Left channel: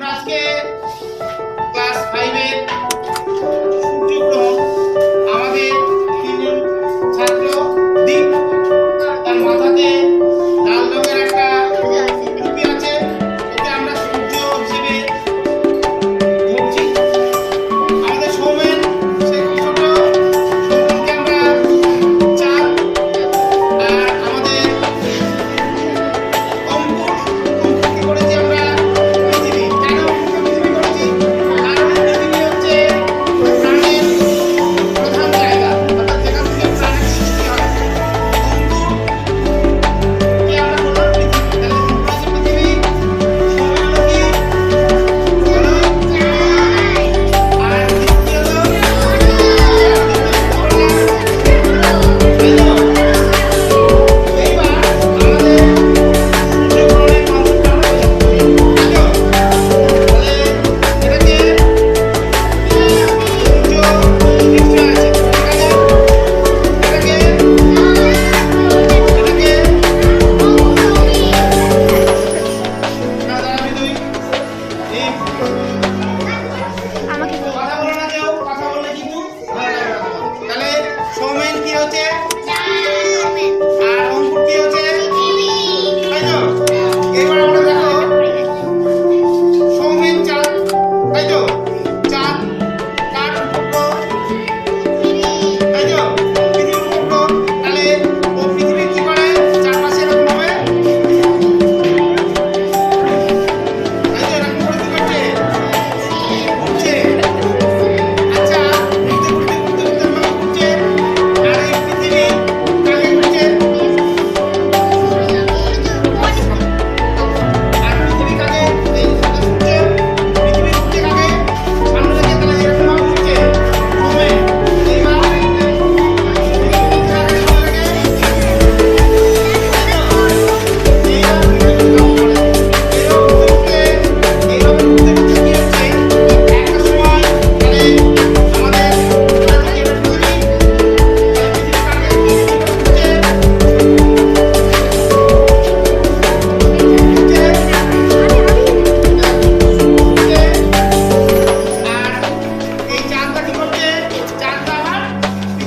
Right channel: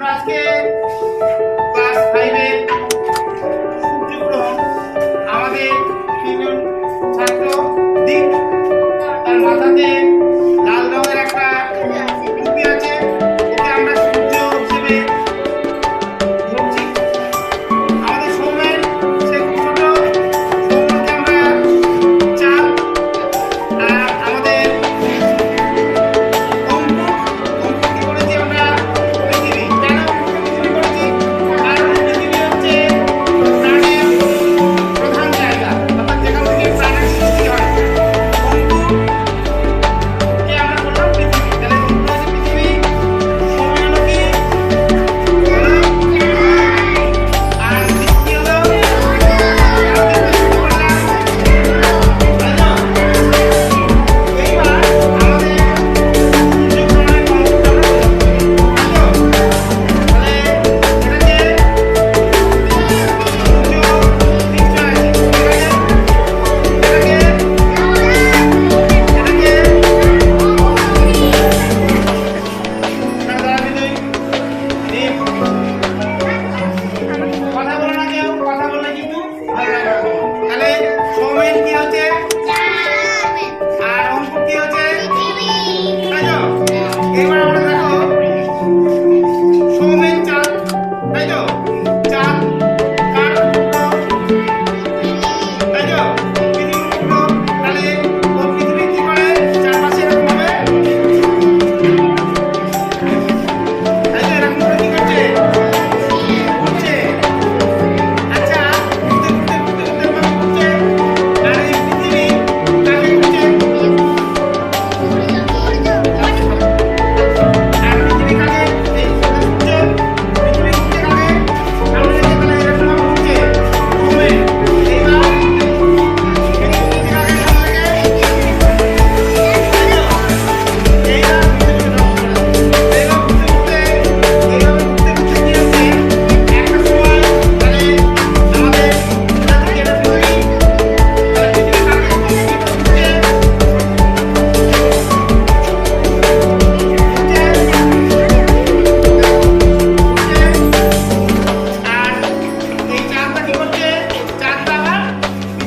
আমরা আজকে out there?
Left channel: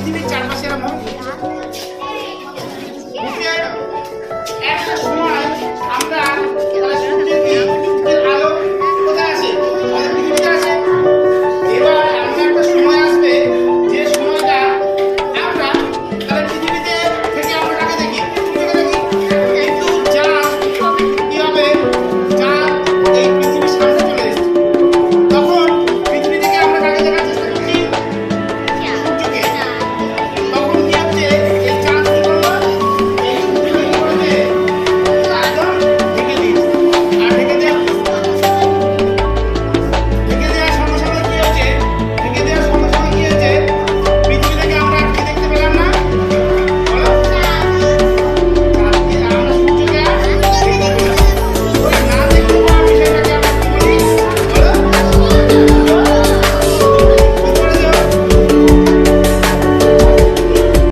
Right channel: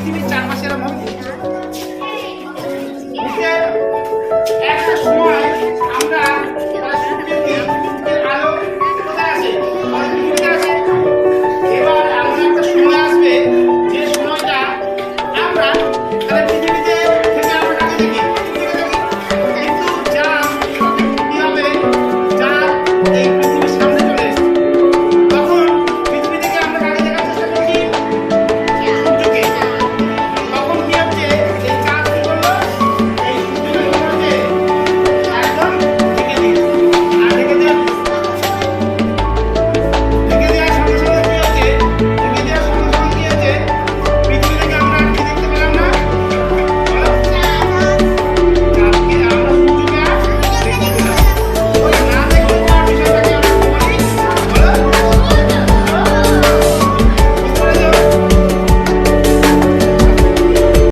পৃথিবীর চার চারপাশে এরকম